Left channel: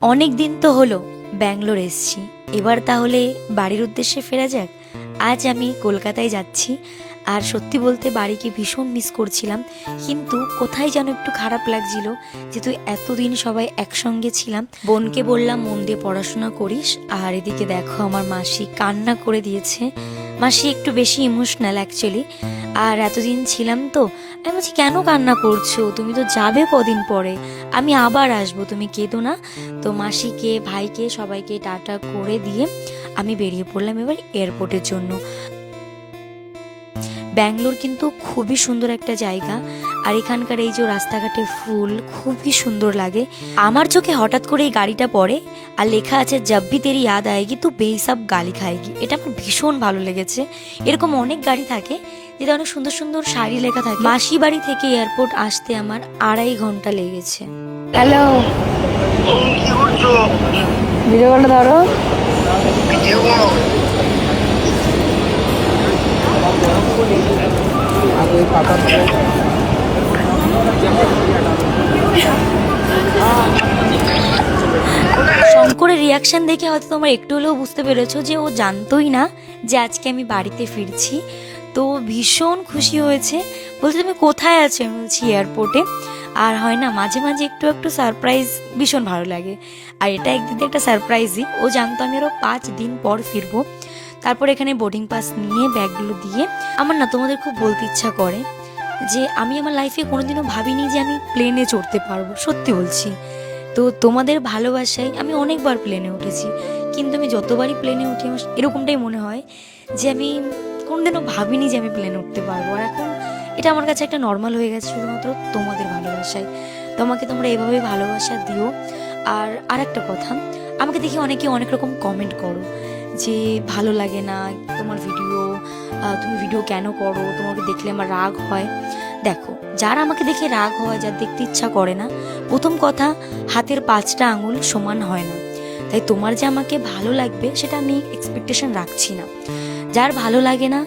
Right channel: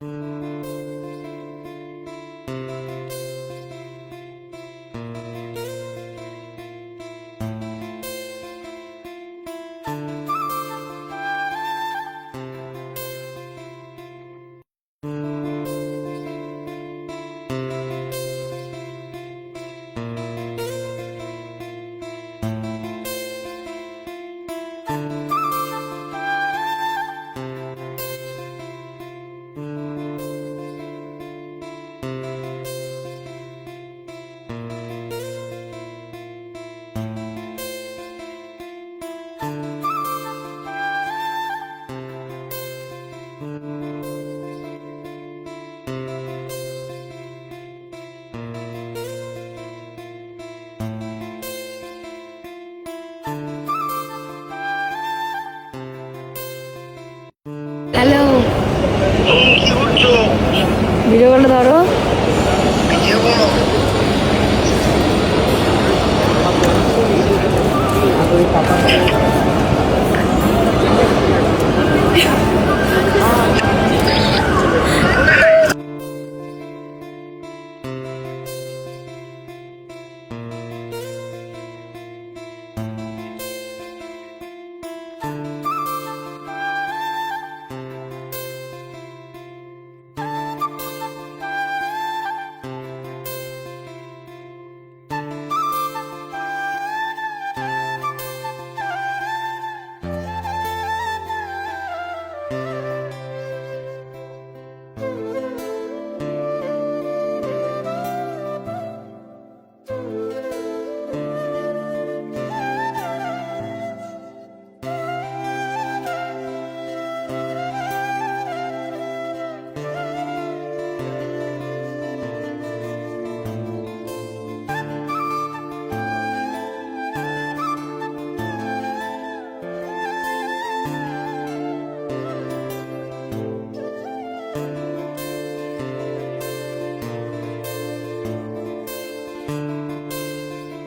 অনেক দিন তো হলো ব্যাঙ্গালোর এসেছি, এবার তাহলে বাড়ির উদ্দেশ্যে ফেরা যাক। আজ আমি কলকাতায় যাচ্ছি, আর সত্যি বলতে বাড়িকে ভীষণ মিস করছিলাম, কিন্তু কোথায় যেন একটু খারাপ লাগছিল। যেহেতু এতদিন সবাই একসঙ্গে ছিলাম, বোনকে বললাম মন দিয়ে পড়াশোনা করিস, আর এদিকে দেখো আমার মাসি কান্না করে দিয়েছে। মাসি একটু বেশি ইমোশনাল অ্যাকচুয়ালি, আর এতদিন ছিলাম তো। আমি বলছি কেন কান্না করছো, তুমি তো যাবে কদিন পরে, আমি আবার আসবো, তুমি কেঁদো না। তো মাসিকে ভাইকে সবাইকে টাটা করে দিয়ে আমি বেরিয়ে পড়লাম এবার এয়ারপোর্টের জন্য। ব্যাঙ্গালোর কিন্তু খুবই সুন্দর একটা জায়গা, আর এখানকার এই যে রাস্তাঘাটে ফুল খুবই সুন্দর লাগে। আমার চোখে হঠাৎ করে এই গাড়িটা পড়ে, আর লেখা আছে জব ভি তেরি ইয়াদ আয়েগি তু বেহিসাব গালি খায়েগি। এটা আমার ভীষণ ভালো লেগেছে। এরকম অনেক গাড়ি থাকে যেটা অনেক সুন্দর সুন্দর শাড়ি লেখা থাকে। মাসি বাড়ি থেকে এয়ারপোর্ট আসতে আমার 2.5 ঘন্টা লেগেছে। হ্যালো, কি করছো? ভিডিও কলটা ধরো। ভিডিও করো। শঙ্করের রিয়াকশন দেখে হয়তো তোমরা একটু হলেও বুঝতে পেরেছো যে ও জানতোই না যে আজকে আমি বাড়িতে ফিরছি। তো ভীষণ খুশি হয়েছে, বলছে তুমি কোথায় আছো? আমি বলছি এয়ারপোর্টে। আর হয় না মাঝে মাঝে একটু একটু সারপ্রাইজ ভীষণ ভালো লাগে, আর এটা একদিন একটা সারপ্রাইজই। ও জানতো আমি আরও 5 দিন পর ফিরবো। তারপর এখানে বোর্ডিং পাস নিয়ে ব্যাগগুলো দিয়ে আমার না তোমাদের খুব বলতে ইচ্ছা করে যে আমি আমার লাইফে কোনোদিনও ভাবিনি যে আমি প্লেনে চড়তে পারবো, সত্যি বলছি। তো তোমাদের ভালোবাসায় আমি অনেকবার প্লেনে উঠেছি, কিন্তু আমি যতবারই প্লেনে উঠি আমার এরকমটাই মনে হয় যে আমি কোনোদিনও ভাবিনি যে আমি প্লেনে উঠতে পারবো। আর এখন এটা আমার কাছে একটা নর্মাল হয়ে গেছে শুধুমাত্র তোমাদের ভালোবাসায়। তোমাকে তোমরা এভাবে ভালোবাসা দিও। আর আরেকটা কথা, আমাকে দেখে অনেকে অনেক রকম কমেন্ট করো যে ভালো লাগে না তোমার ভিডিও, তুমি ভিডিও কেন করো, তোমাকে দেখলে আমার রাগ হয়। দেখো, যার আমাকে দেখে রাগ হয়, যার দেখতে ইচ্ছা করে না, প্রথম কথা হাতের 5টা আঙুল সমান হয় না। তাই তোমার যে আমাকে ভালো লাগবে সেটা আমি এক্সপেকটেশন রাখছি না। যার ভালো লাগে না,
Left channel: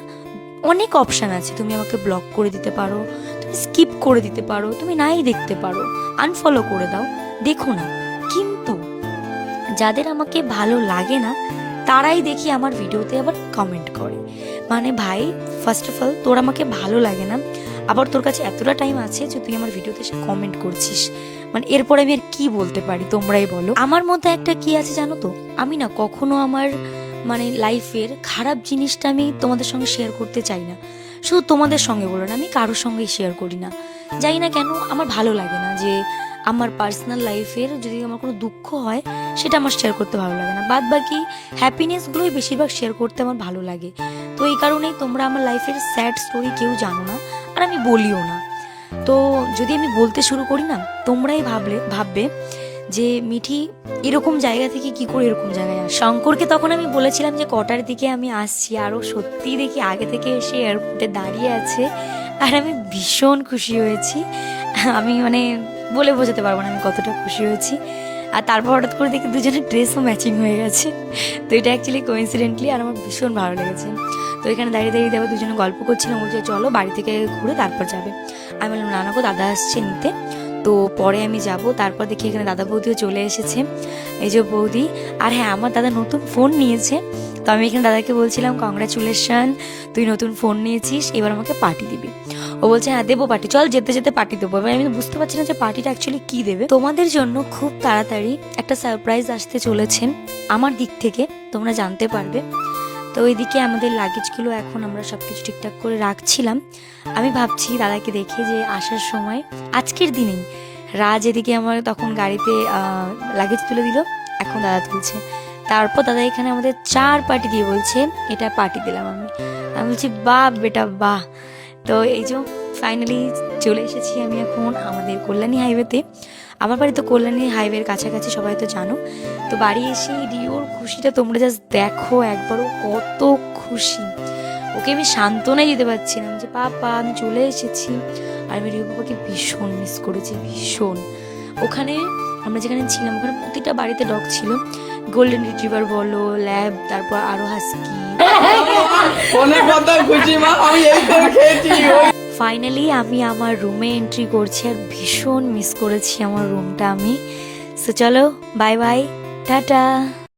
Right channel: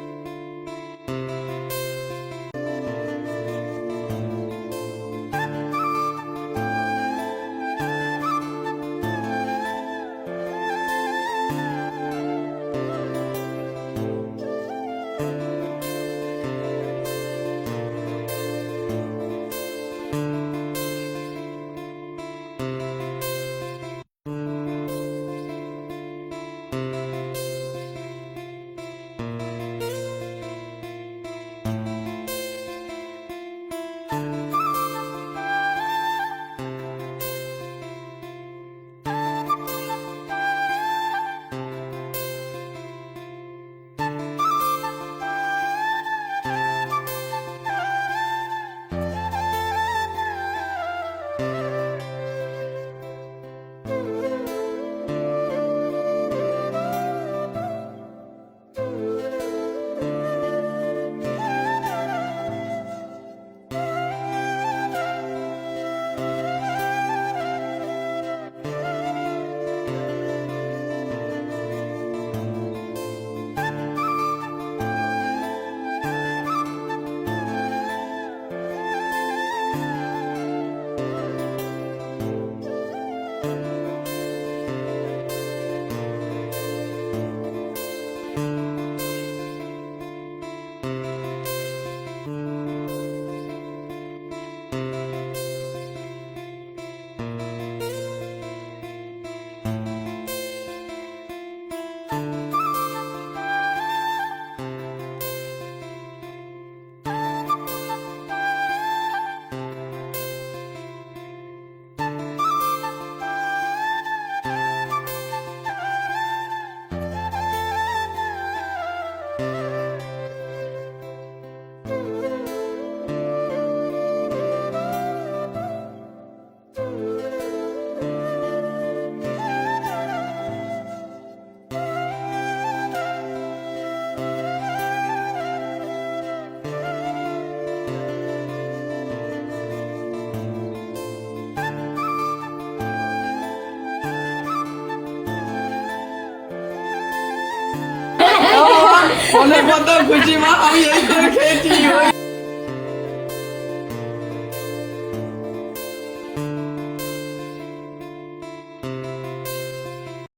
অনেক অপশান আছে, তুমি আমাকে ব্লক করে দিতে পারো, তুমি স্কিপ করে দিতে পারো, তুমি নাই দেখতে পারো, আনফলো করে দাও, দেখো না। কিন্তু যাদের আমাকে ভালো লাগে না তারাই দেখি আমার ভিডিওতে আবার কমেন্ট করে। মানে ভাই, ফার্স্ট অফ অল তোর আমাকে ভালো লাগে না, আবার তোর কাছে এতটা টাইম আছে যে তুই আমার ভিডিওতে এসে কমেন্ট করছিস, মানে এরপরে আমি আর কি বলতে পারি তোমরাই বলো। আমার মধ্যে একটা কি আছে জানো তো, আমি না কখনো আমার মানে লাইফের খারাপ জিনিসটা আমি তোমাদের সঙ্গে শেয়ার করতে চাই না। শুধু তোমাদের সঙ্গে বলো না, আমি কারোর সঙ্গেই শেয়ার করি না। জানি না কেন, আমার ভালো লাগে না যে আমার পার্সোনাল লাইফের যদি আমার কোনো দুঃখ হয় সেটা আমার শেয়ার করতে ভালো লাগে না। বাদ বাকি হ্যাপিনেসগুলোই বেশিরভাগ শেয়ার করতে আমার ভালো লাগে। তো এই কারণেই তোমরা আমার লাইফের স্যাড স্টোরি কেউ জানো না, আর আমি বলিও না। তো যদি আমি বলতে শুরু করি না, তোমরাই ভাববে যে মিঠি এরকম জায়গা থেকে কি করে এরকম জায়গায় আসে। শঙ্করকে তখন আমি বলেছিলাম যে কটার দিকে আমি আসছি, আরও সত্যি দেখি আগে থেকে এসে এয়ারপোর্টে দাঁড়িয়ে আছে, আর আমি ভীষণ খুশি হয়েছি। আমি মানে বলে বোঝাতে পারবো না আমি কতটা খুশি হয়েছি। আর তারপর হঠাৎ করে দেখি দুজনের ড্রেসও ম্যাচিং হয়ে গেছে। তো এটা অ্যাকচুয়ালি কোইন্সিডেন্টলি আর আমার ভীষণ ভালো লেগেছে। তো এখানে দাঁড়িয়ে দাঁড়িয়ে দেখো দুজনে গল্প করছিলাম, বলছে চলো বাড়ি থেকে ঘুরে তারপর যাবে। আমি বললাম না না গো, দাদা আসছে নিতে, তো পরে আমি যাব। তারপর দেখি এখানে দাদা বৌদিও চলে এসেছে, এই যে বৌদি। আর হ্যাঁ, আমার দাদা নতুন ফোন নিয়েছে, তো আমি এখানে দাদাকে বলছিলাম কংগ্রাচুলেশন, তুই নতুন ফোন নিয়েছিস, এবার আমাকে পার্টি দিবি। ও বলছে হ্যাঁ দেবো পার্টি, চল যেতে যেতে পার্টি দেবো। এবার আমি বুঝতে পারছি না যে পার্টিটা অ্যাকচুয়ালি কী দেবে। তোমাদের জন্য খুব তাড়াতাড়ি একটা সারপ্রাইজ আসতে চলেছে আমার দিক থেকে, তোমরা জানতে পারবে। তো ওইদিকে আমাদের লাগেজগুলো এখন আমরা সব কিছু ঠিকঠাক করে রাখছিলাম। আমি ভাবছি দাদাকে দেখে যে আসার সময় আজকের দিনেই রাজ এদিকে আমার তখন গাড়িতে লাগেজ তুলে দিল, এখন দাদা তুলছে। তারপর দাদা এখানে আমাদের 4 পার্টি দিয়ে বলছে এটা পার্টি দিলাম। আমি বলছি বাহ বেটা বাহ। তো এই যে ফাইনালি চলে এসেছি আমি এখন আমাদের কল্যাণী হাইওয়েতে। আমার বাড়ি তো কল্যাণী হাইওয়ের কাছাকাছি, সবাই তো জানো। তো বাড়ি এসে রিওর খুশিটা তোমরা জাস্ট দেখো একবারও, কত খুশি। ওকে আমি সান্ত্বনাই দিতে পারছি না যে পাপা আমি চলে এসেছি। আর আমি রিও পাপাকে ভীষণ মিস করেছি, ভীষণ। ওখানে আমরা যেখানে ছিলাম ওখানে প্রতিটা বাড়িতে ডগ ছিল, গোল্ডেন রিট্রিভার বলো, ল্যাব, তারপর আরো হাস্কি। ফাইনালি আমি আমার রুমে এন্ট্রি করছি, আর ভীষণ মিস করেছি আমার রুমটা আমি। সো চলো, বাই বাই, টাটা।